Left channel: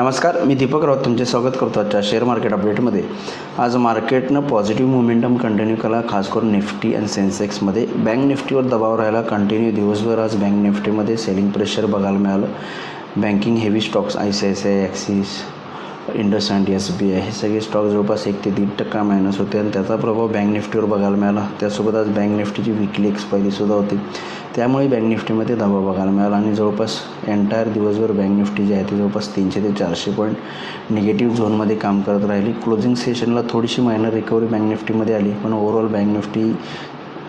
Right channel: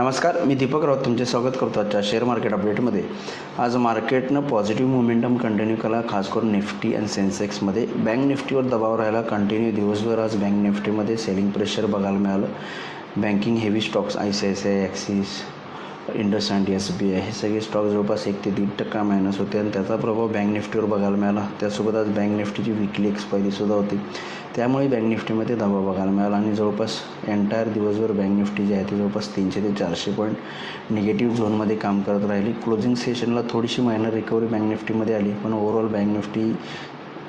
नमस्कार, मी दीपक राऊत तुमचे स्वागत करतो आजच्या शेअर मार्केट अपडेटमध्ये. आज मार्केटनं पॉझिटिव्ह मोमेंटम कंटिन्यू केला, खास करून निफ्टी आणि सेन्सेक्समध्ये. बँक निफ्टीवर दबाव राहिला कंटिन्यू दिवसभर. आज बँक निफ्टीमध्ये सेलिंग प्रेशर बघायला मिळालं. Banking heavy stocks ICICI, axis, IndusInd, SBI हे सगळे स्टॉक जवळपास 1 ते 1.5% मायनस होते आणि त्याचा प्रभाव बँक निफ्टीवर बघायला मिळाला. त्यासोबत आज बँक निफ्टीची विकली एक्सपायरीसुद्धा होती, त्यामुळे बँक निफ्टीमध्ये दबाव बघायला मिळाला आणि जवळपास एंटायर दिवसभर बँक निफ्टी जी आहे ती जवळपास 300 ते 400 पॉईंट निगेटिव्ह झोनमध्ये काम करत राहिली. क्लोजिंग सेशनला थोडीशी मायनर रिकव्हरी बँक निफ्टीमध्ये आली, पण ओव्हरऑल बँक निफ्टी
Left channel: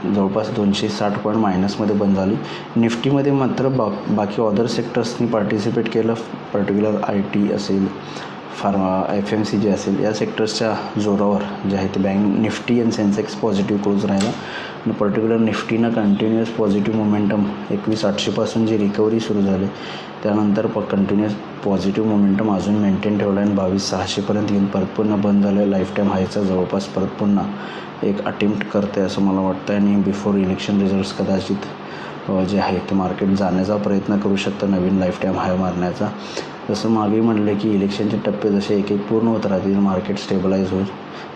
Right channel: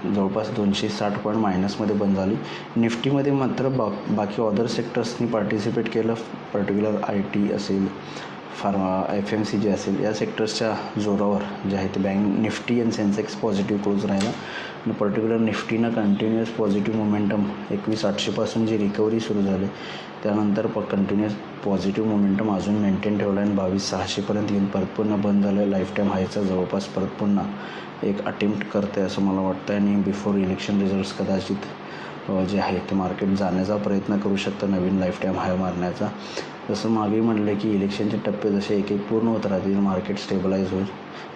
जवळपास 260 पॉईंट मायनसमध्ये बंद झाली. निफ्टीमध्ये मात्र बाकी अदर सेक्टर्सनी पार्टिसिपेट केलं. पर्टिक्युलर IT असेल, फार्मा, FMCG असेल, या सेक्टर्सच्या जोरावर जे आहे ते बँक निफ्टी आणि सेन्सेक्स पॉझिटिव्ह क्लोज राहिला आणि पर्टिक्युलर निफ्टीनं कंटिन्युअस पॉझिटिव्ह मोमेंटम 21,800पासून जी रिकव्हरी सुरू झाली त्यानंतर कंटिन्युअस पॉझिटिव्ह मोमेंटम अजून मेंटेन ठेवला आणि 22,600पर्यंत येऊन परत पुन्हा बंद झालं. लाईफ टाईम हायचा जवळपास परत पुन्हा एक अटेम्प्ट करते असं मला वाटतं आणि बिफोर इलेक्शन रिझल्ट्स कदाचित जे आहे ते मार्केट जाण्याचा प्रयत्न करू शकतं, नवीन लाईफ टाईम हाय मारण्याचा. जसं मागे म्हणले की इलेक्शनचे टप्पे जसे एक एक पूर्ण होत राहतील, मार्केट स्टेबलाइज होईल,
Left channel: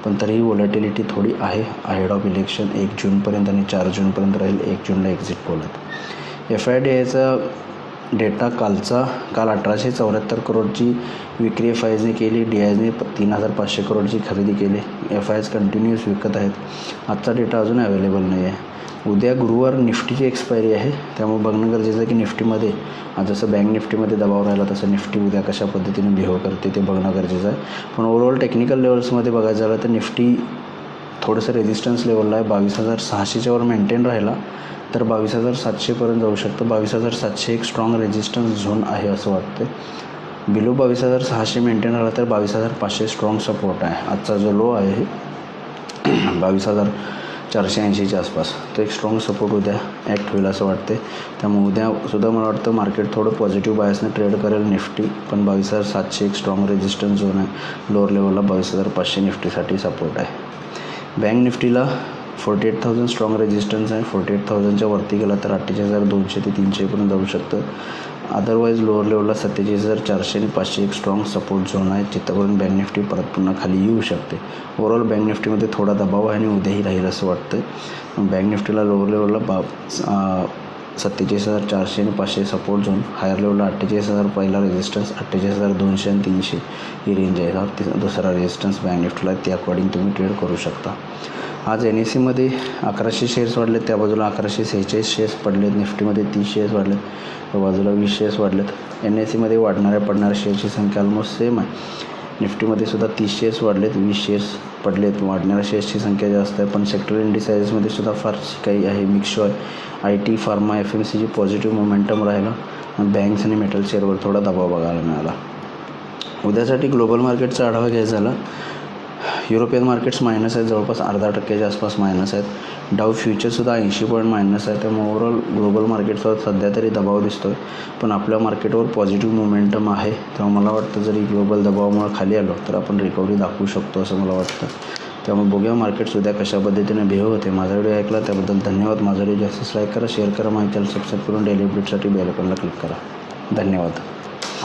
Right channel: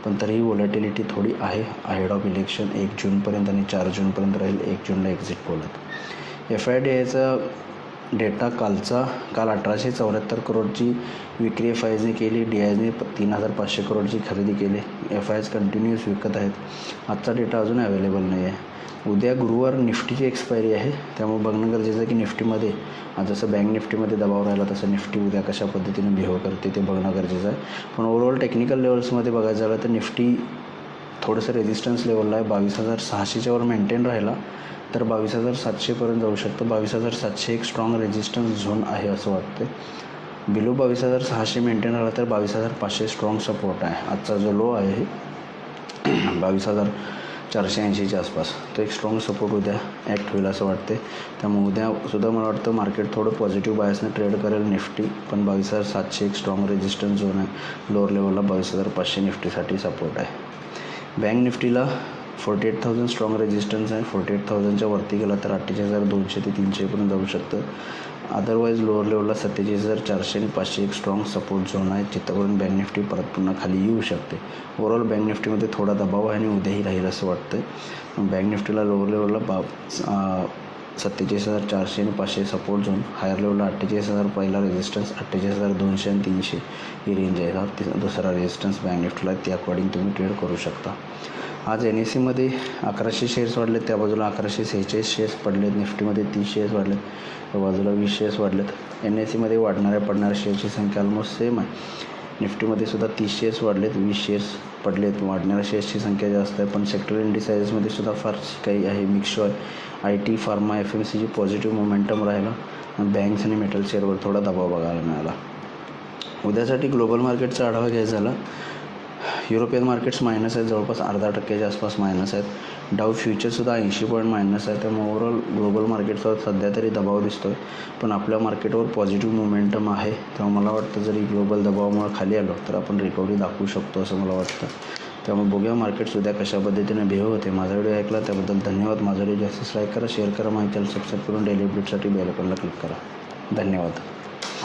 पण तरीही व्हॉलॅटिलिटी थोडी आहे अहेड ऑफ इलेक्शन. 1 जूनपर्यंत आणि 4 जूनपर्यंत राहील. 1 जूनला एक्झिट पोल आहेत. FIDIचा डेटा काल 1874 करोडची विक्री FISने केली. DISने 3,500 करोडची खरेदी केली. FIS कंटिन्युअस विकत आहेत. आजचा डेटा अजून अवेलेबल नाही आहे. उद्या गुरुवार निफ्टीची एक्सपायरी आहे, त्यामुळे बघणं गरजेचं आहे की निफ्टीमध्ये आज जसं बँक निफ्टीमध्ये दबाव राहिला तसं निफ्टी उद्या कशा पद्धतीने बिहेव करते ते बघणं गरजेचं आहे. पण ओव्हरऑल टेक्निकल लेवल्समध्ये बघायचं झालं तर निफ्टी थोडंसं रेजिस्टन्स लेवलला आहे. 22,600च्या वर मेंटेन राहिला तर 22,700पर्यंत जाऊ शकतं. 22,700 एक स्ट्रॉंग रेजिस्टन्स झोन आहे असं वाटतं. बिलो 22,600 मेंटेन राहिला तर 22,500 स्ट्रॉंग सपोर्ट आहे. आजचा जो लो आहे 22,480च्या आसपास, तो एक स्ट्रॉंग सपोर्ट उद्या ॲक्ट होईल असं वाटते. त्यामुळे उद्यासुद्धा मला वाटतं मार्केट थोडं पॉझिटिव्ह बायसने ट्रेड करेल निफ्टी, पण 22,700 एक स्ट्रॉंग रेजिस्टन्स झोन आहे. लोअर लेवलला 22,500 निफ्टीसाठी सपोर्ट आहे. बँक निफ्टीला 48,000 स्ट्रॉंग रेजिस्टन्स आहे. 48,000च्या वरती गेला तर 48,200 ते 300पर्यंत जाऊ शकतं. अदरवाईज लोअर लेवलला 47,400 आणि 500 एक स्ट्रॉंग सपोर्ट झोन आहे, जिथपर्यंत बँक निफ्टी परत पुन्हा खाली येऊ शकते. ओव्हरऑल बँक निफ्टीमध्ये थोडा दबाव आहे आणि उद्याही राहील असं वाटतं. बँक निफ्टीला लोअर लेवलला 47,400 आणि 500 सपोर्ट झोन, हायर लेवलला 48,000 पहिला रेजिस्टन्स, 48,200 आणि 300 ही रेंज आहे. हा दुसरा रेजिस्टन्स बँक निफ्टीला, त्या अकॉर्डिंग तुम्ही ट्रेड करू शकता. आज NSEमध्ये 1100 शेअर्स वाढलेत, त्या बाजूला 1146 शेअर्स पडलेत. निफ्टीमध्ये 30 शेअर्स वाढलेत, त्या बाजूला 20 शेअर्स वाढलेत. NSEमध्ये वाढणाऱ्या पडणाऱ्या शेअर्सची संख्या ऑलमोस्ट सेम आहे. निफ्टीमध्ये सुद्धा 30 शेअर्स वाढलेत, 20 शेअर्स पडलेत. वाढणाऱ्या शेअर्सची संख्या जास्त आहे, पण सेक्टर इंडिसाइजमध्ये सुद्धा फारशी काही आहे, मिक्स आहे. IT, pharma, FMCG positive momentum राहिला आणि बँक्स आणि मेटल शेअरवर थोडा दबाव बघायला मिळाला. उद्यासाठी ग्लोबल मार्केटचा आढावा घ्यायचा झाला. युरोपियन मार्केट्स मायनस आहेत, जवळपास 0.5%च्या आसपास मायनस आहेत. डाव फ्युचरसुद्धा 80 पॉईंट मायनस आहे. त्यामुळे ओव्हरऑल ग्लोबल मार्केटवर सध्या तरी दबाव दिसतो आहे, पण आपल्या मार्केटवर पॉझिटिव्ह मोमेंटम आहे. त्यामुळे मला वाटतं जरी ग्लोबल दबावामुळे खाली आलो तर आपण रिकव्हरी दाखवू शकतो असं मला वाटतं. त्यामुळे बघूया मार्केट्स उद्या कशा पद्धतीने बिहेव होते. माझा व्हिडिओ ऐकला त्याबद्दल धन्यवाद. माझा व्हिडिओ जास्त लाईक करा, शेअर करा, माहिती सबस्क्राईब करून डेली अपडेटसाठी बेल आयकॉनला क्लिक करा. धन्यवाद.